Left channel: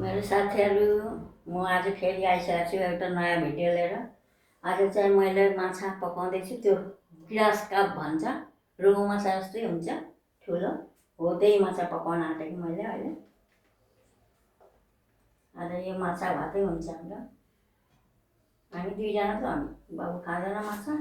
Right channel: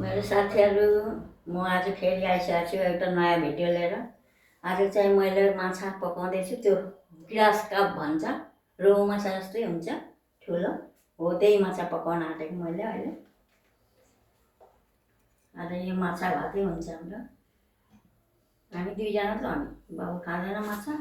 मेरो साथीहरू म आज फेरि आइसकेको छु एउटा नयाँ भिडियो लिएर। आज चाहिँ मैले माछा पकाउँदैछु। त्यो ग्रास काप भन्छ, रोहु माछा जस्तै हुन्छ ठुलो, हो त्यही माछा पकाउन आँटेको मैले अहिले। आज यो माछा भातै हुन्छ हाम्रो। हामी दुईजना त हामी, बाबु खाँदैन माछा।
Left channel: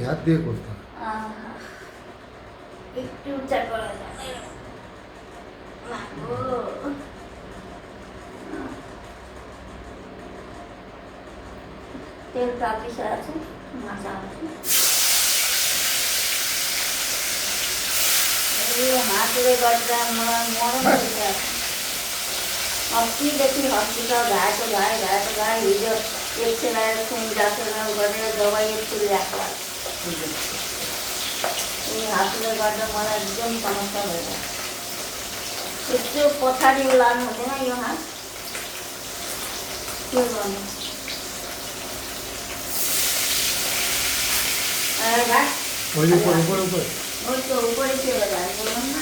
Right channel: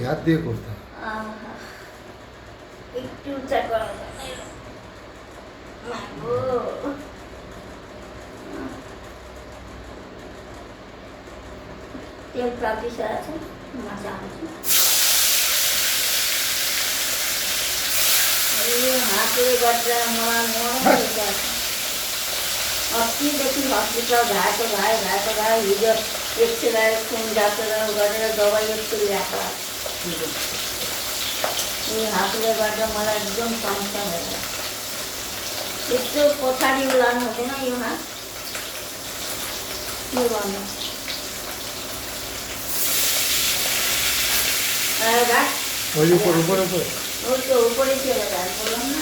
याद दिए करता একটু চা করা তেল পাপড়ি আছে, মাছা আছে, हातले गर्दा मलाई मर्न अस्तिदेखि हस्पिटल घाएको घाए हिजो एक्सरे खुन डाक्टर गरेर दबाई एकछिन ल्याएको हिजो। यो हातले गर्दा मलाई एकदम समस्या भइरहेको। यस्तो पछाडि लानु हुँदैन यो हात, के गर्नु। उसको उपरै के गर्दा बोलौँ न।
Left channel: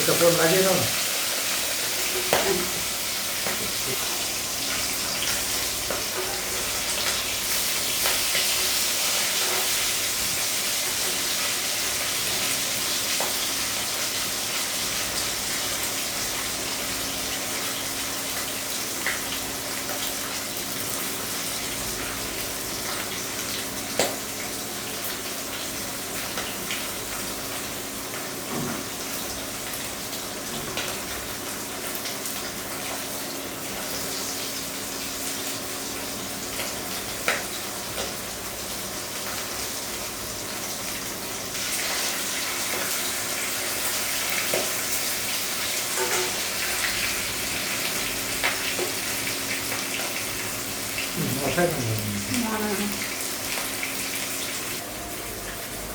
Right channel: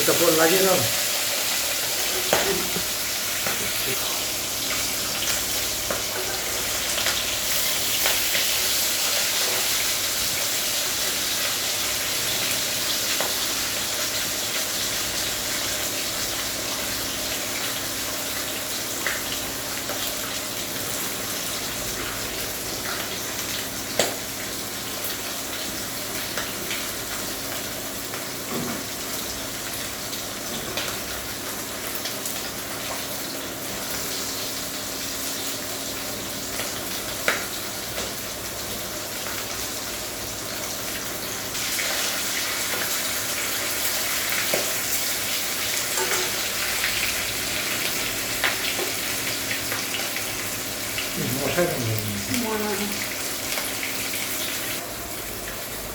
এটা পর লাগিয়ে দাও।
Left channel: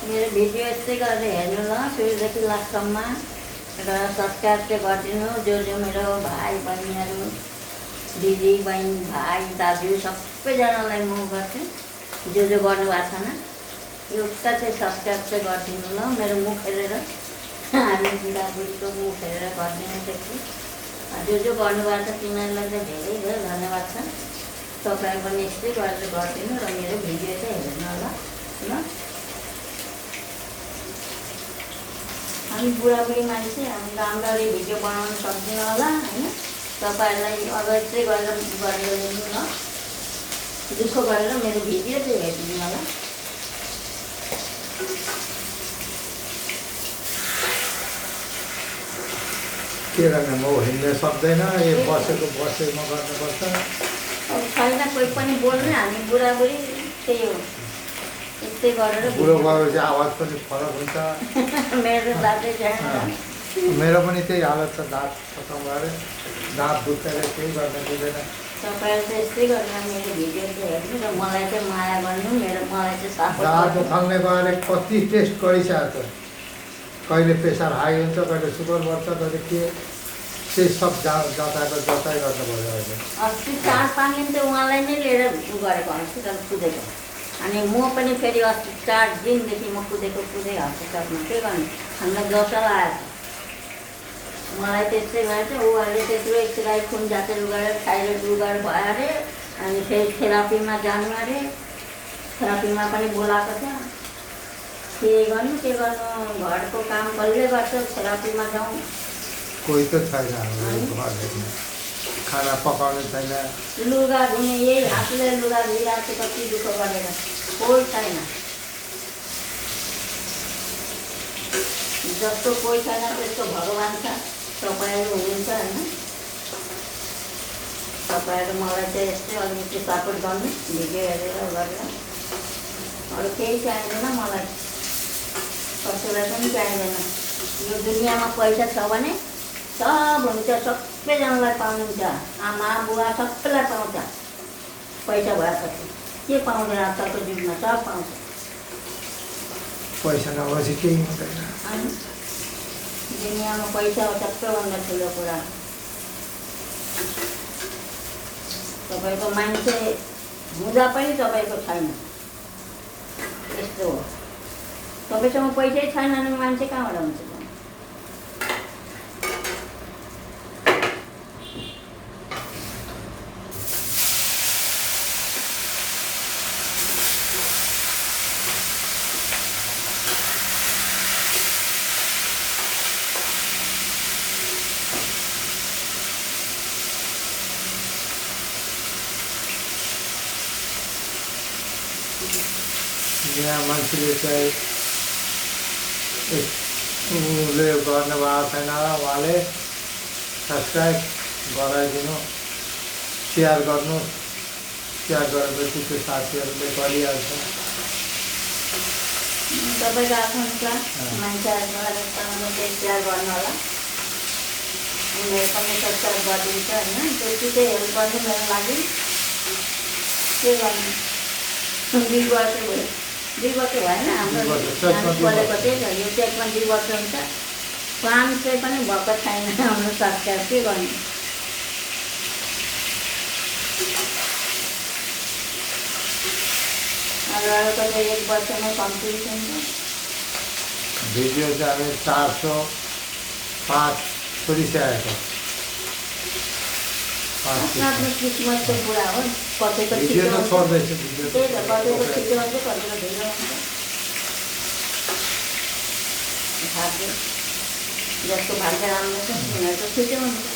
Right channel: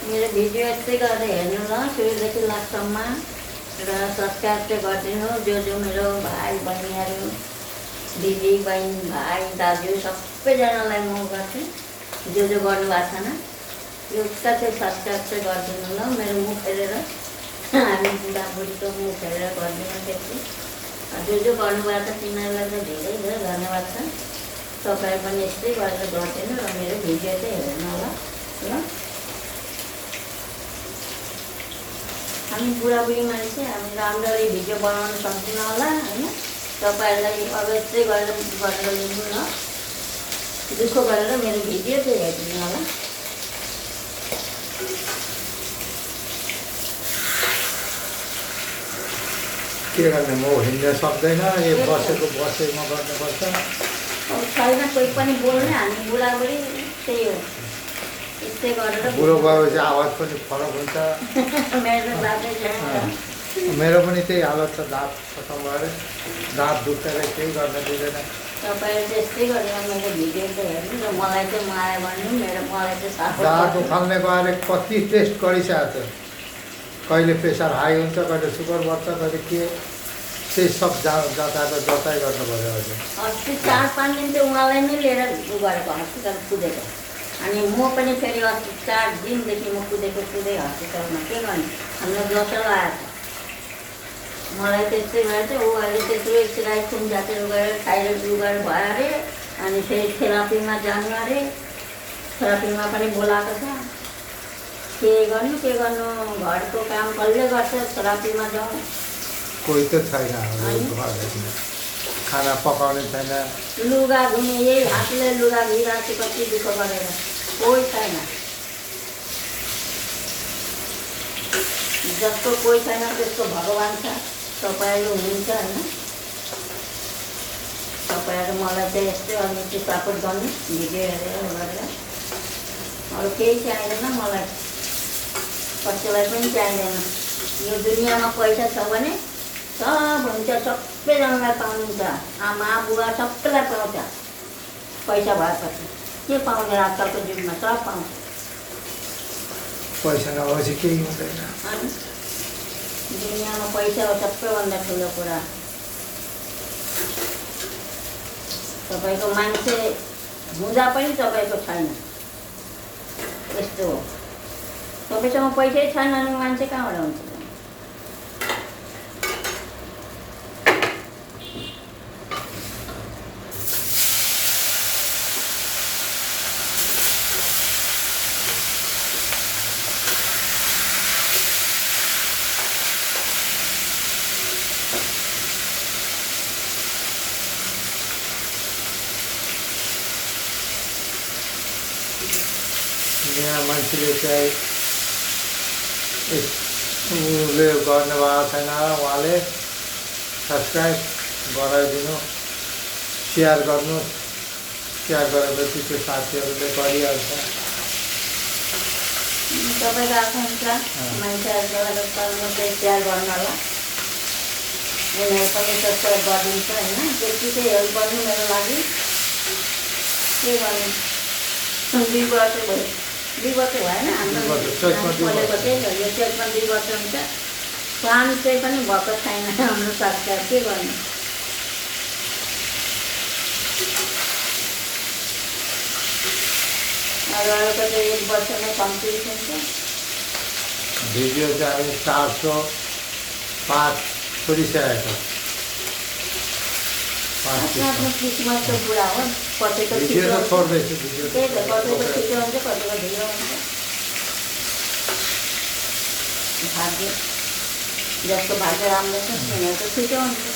मेरो भिडियो यस्तै गरेर हेर्नु ल, सुरुदेखि लास्टसम्म र सब्सक्राइब चाहिँ गरिदिनु। जो मेरो भाइ बहिनीहरू, दिदी बहिनी भाइ दाजु सबैजनालाई म गर्छु। जो गर्नुभएको छैन एउटा चाहिँ सब्सक्राइब चाहिँ गरिदिनु ल। मेरो मुख हेरेर, हामी बुढाबुढीको मुख हेरेर गरिदिनु त्यति। जो गर्नुभएको छ तिमीहरूलाई चाहिँ धेरै धेरै धन्यवाद छ। तपाईँ पनि यस्तै गरेर गरिदिनु र मेरो भिडियो चाहिँ हेर्नु ल। हामी बुढाबुढी मान्छे, हामी राम्ररी भिडियो बनाउन सक्दैनौँ होला होइन। तपाईँहरूलाई अब यस्तै गरेर लिनु न, दुःख गरेर मेरो भिडियो चाहिँ हेरिदिनु होला। के गर्ने, म हिँड्न सक्दैन, यो बसेमा गर्नुपर्छ। छैन कोही पनि बोल्ने, हामी बुढाबुढी त्यही हो, यस्तै गरेर। बुढो भएपछि आवाज पनि फरक हुन्छ। मेरो दाँतै छैन, मेरो पनि त्यही हालत छ। दाँत खतम भएर दाँत दुख्दैन, केही गर्न दिँदैन। तपाईँहरू चाहिँ यस्तै गरेर मेरो भिडियो चाहिँ हेर्नु र मलाई चाहिँ माया गर्नु। मलाई चाहिँ दाँत उखाल्ने गएर कति टेस्ट गरिसकेको छ। कहिले प्रेसर हाई हुन्छ, कहिले सुगर बढ्छ, कहिले के सब जताको जताइ गर्नु पर्यो। अस्ति 4-5 दिन चाहिँ उहाँलाई नै लिएर गरेको हस्पिटल कुदेको। अनि म पनि फेरि अस्ति 4 दिनदेखि म कुदेको हस्पिटलमा। के गर्ने, हामीलाई जसो आएछ। मलाई त्यस्तै भएछ। ऊ अहिले त्यत्रो एक्सरे खुन जाँचेर गरेर थाइरोइड गरेर भयो अरे। अनि फेरि थेरापीमा जानु अरे, थेरापीमा पनि बोलाएको छ। के गर्नु घरको काम कसले गर्छ, थेरापीमा जाउँ। कोही त छैन, खाना पकाउने छैन, लुगा धुने यही हातले लुगा धुइरहेको छु कति दुःख गरेर, कोही छैन। जस्तो कोही छैन त्यस्तो भगवान् छ, तपाईँहरू हुनुहुन्छ होइन। तपाईँहरू मलाई चाहिँ यस्तै अलिकति सपोर्ट गर्नु भिडियो हेरेर गरेर। अरू केही चाहिँदैन मलाई, कसैलाई पनि चाहिँदैन। यो दुनियाँमा पैसा छ भने सब हुन्छ, सबैजनालाई पाउनुहुन्छ। आमा बुवा सबैलाई पाउँछ पैसा भएपछि। के पाउँदैन आजकलको जुगमा? सब पाउँछ। पैसा नभएपछि केही हुँदैन। अनि दुनियाँमा पैसा हो सबैभन्दा ठुलो कुरा। तपाईँको मान्छे हुँदा पनि तपाईँको छैन, यस्तो हो। तपाईँसँग पैसै छैन भने मान्छे कहाँबाट हुन्छ? यहाँ मान्छेले चाहिँ उसले गर्नुभएको छैन, उहाँले सब्सक्राइब गराइदिनु, सेयर गर्नु। सेयर गरेपछि त्यो साथीहरूले गरिहाल्छ। तपाईँको आफ्नो हुन्छ मान्छेहरूलाई मात्रै सेयर गर्ने होला, उनीहरू पनि सब्सक्राइब गरिदिन्छ होइन। त्यति चाहिँ हेल्प गर्नु मेरो लागि। के गर्नु? 2 वर्ष भयो, 2 वर्ष भएन हाम्रो खोलेको त्यही हो। यो चेकमा 2 वर्ष हुन्छ। काम चाहिँ पनि भएको छैन हाम्रो सरकार। के गर्नु? अरूको चाहिँ 1 वर्षमै कम्प्लिट हुन्छ। भिडियो चाहिँ हामी 405 छोडिसकेको। आफ्नो आफ्नो किस्मतको कुरा हो। कतिको भिडियो छिटो त हुन्छ, छोड्दैछु, भिडियो त्यही त कतिको छिटो हुन्छ, कतिको ढिलो हुन्छ। भाग्य जसको भाग्य राम्रो छ तिनीहरूको छिटो हुन्छ।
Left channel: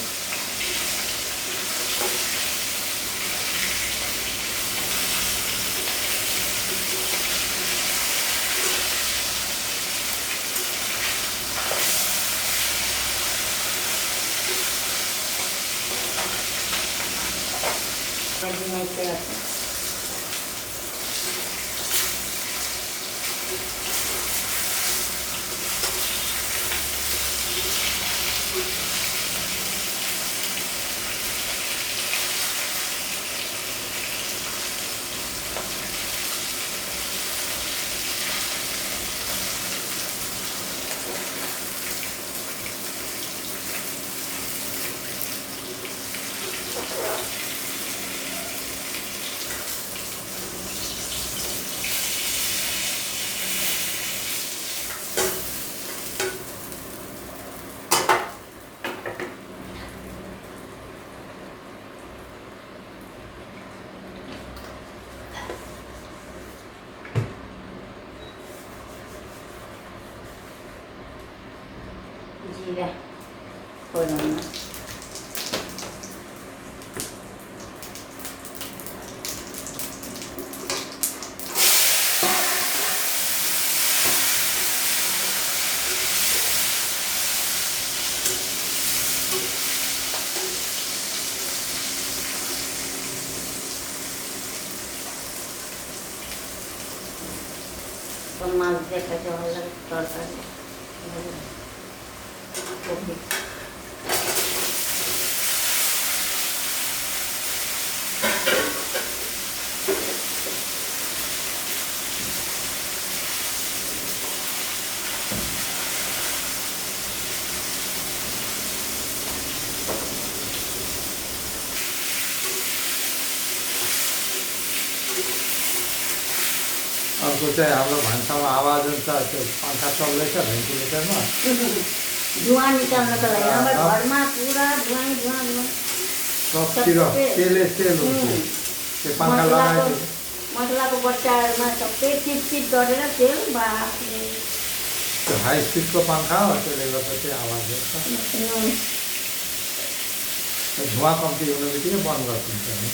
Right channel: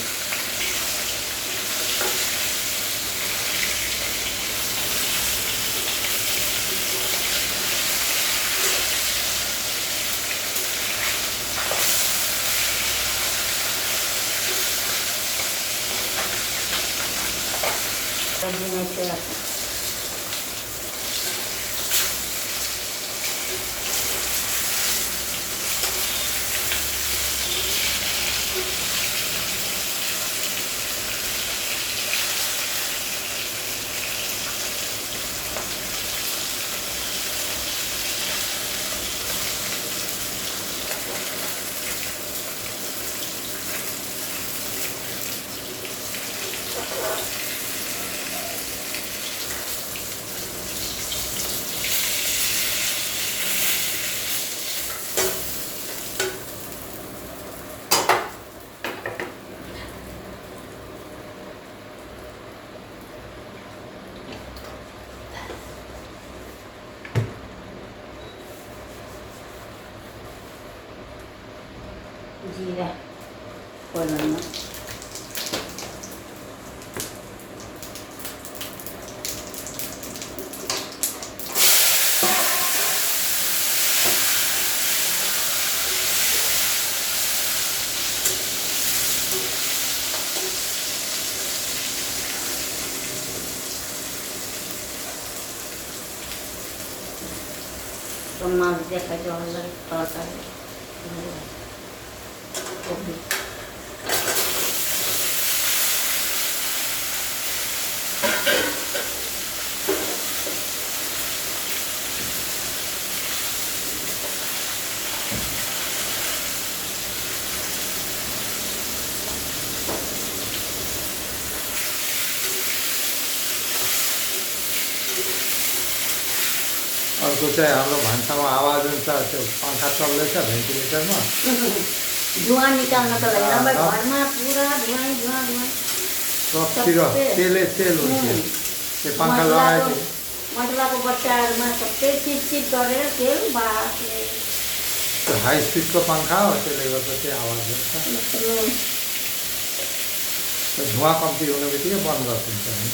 जिरा खोल्नु। माছ देखाएको होला तरकारी। अर्को चाहिँ हाम्रो भान्सामा आवाज हुन्छ, त्यो पंखा चल्दैछ भेन्टिलेटरमा, धुवा निकाल्नको लागि नभए घरमा पुरा धुवा धुवा धुवा सबतिर तेलै तेल हुन्छ। त्यो पंखा लगाएको मसलाको बच्चाहरूमा सबै चिपचिप गरेर तेल बाफ्रे। त्यो हाई स्पिडको पंखा हो, त्यसले गर्दा चाहिँ आवाज हुन्छ। धुवा कम्ती हुने बित्तिकै बन्द गरिदिन्छ नि।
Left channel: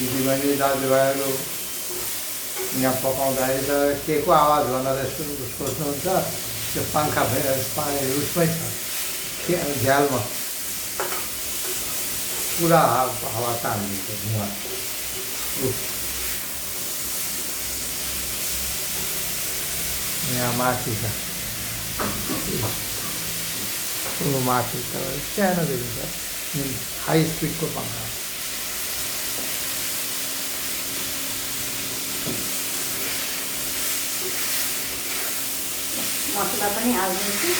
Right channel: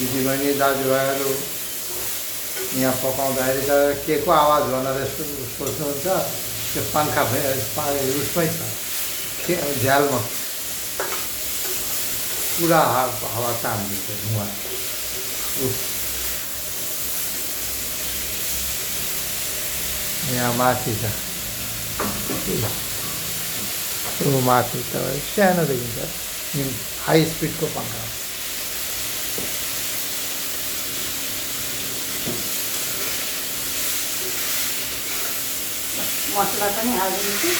दिदीबहिनी दाजुभाइहरू यहाँ पकाउँदाखेरि त के को आवाज भनेर यस्तो सोच्नुहुन्छ, त्यो पङ्खा उसमै छ के झ्यालमा पुरा हावा तानिन्छ धुवा। यहाँ माथि छ, माथि त सानो देखिन्छ, हाई स्पिडको पङ्खा। मसला पनि हालिदिन्छु।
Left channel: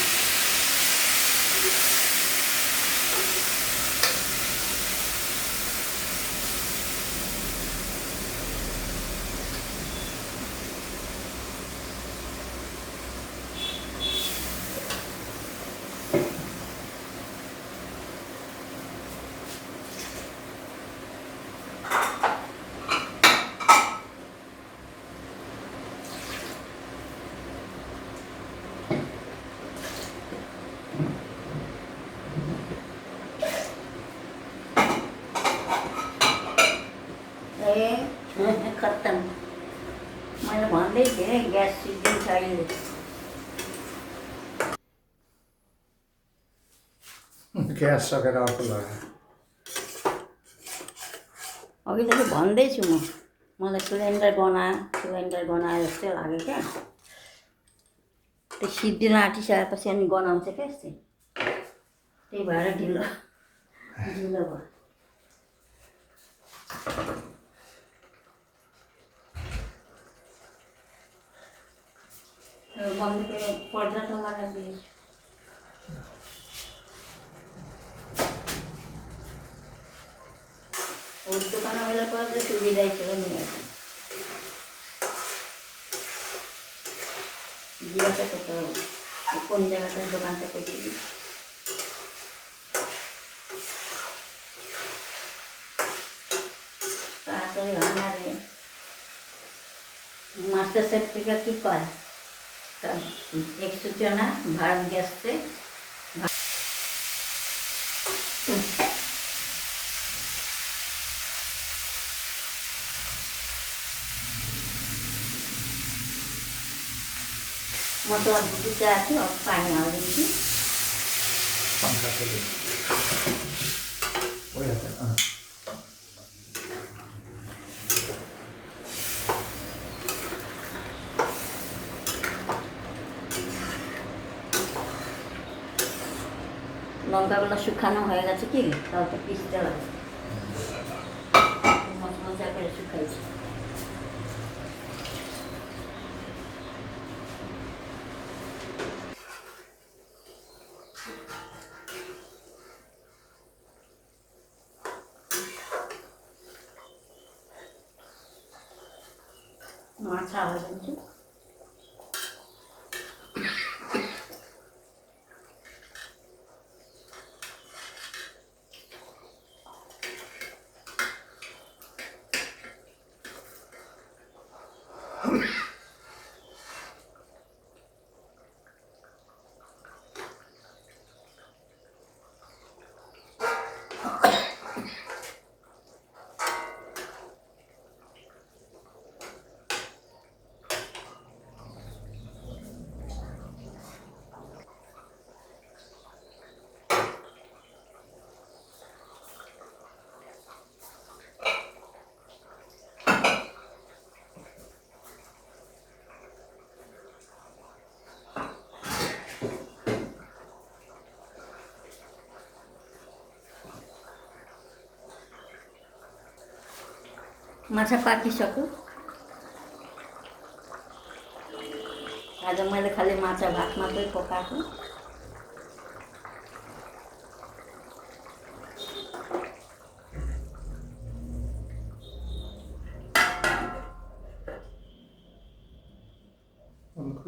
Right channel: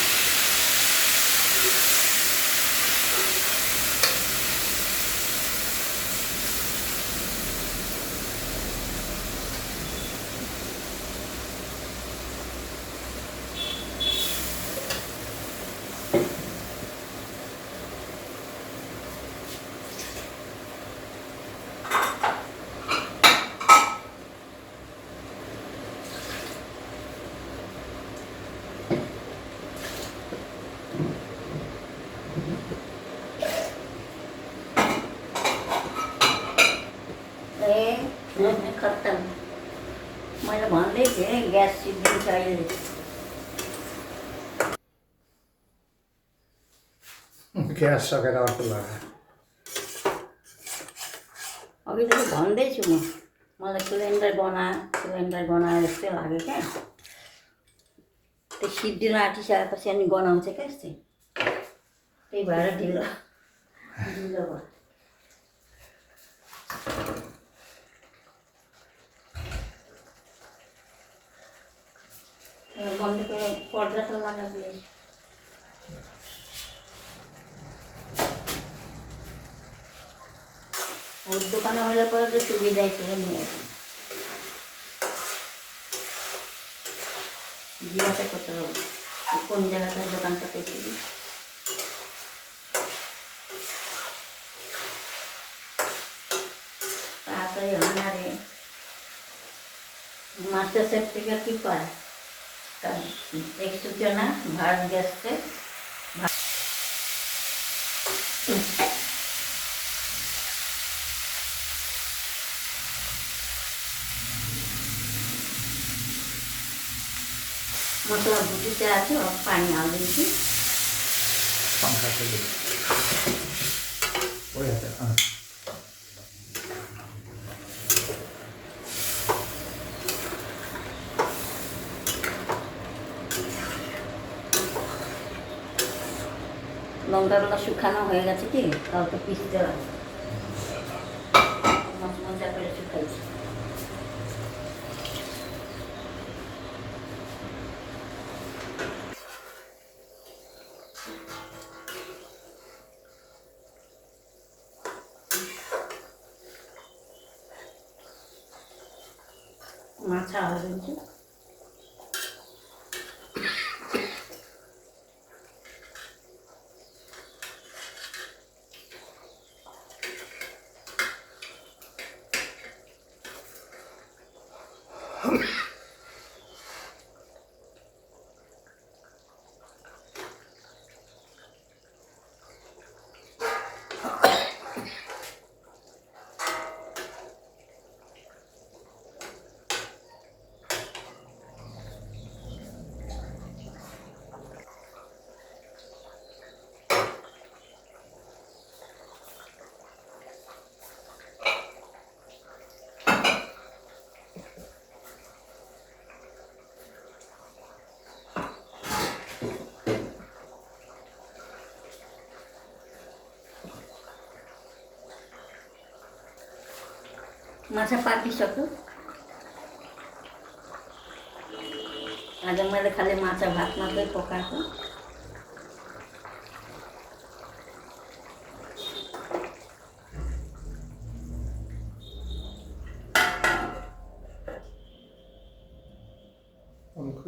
खत्तम। मैले भन्दै थिएँ ग्यास सिद्धिन्छ अहिले। ग्यास सकेर अर्को लाग्यो। अघिदेखि भन्दैछु मलाई सिलिन्डर गना जस्तै लाग्यो क्या। त्यो सिद्धिन आँटिसकेपछि अनि गनाउँछ क्या यस्तै, त्यही भएर ढिलो भयो। मम्मीको पर्दा त लगाइदिएँ। दोकानमा मैले पर्दा सुविधा थियो नि। जिराको त कुन जग्गा छ दोकान त त्यति तातै हमारे मास्टर सेफ्टी की पाए एक सूचना भारत गैस से मसला भुटी चाहिए और पानी हाल दीजिए। पंखा चलिए वो है लंका वाला सुखाना होएगा कि तब तो पीसते रहो मजा कर सुखाई। माछा हालिदिन्छु। माछा पाकिसक्यो। आज मैले खालि माछा भात मात्रै पकाएको। उनको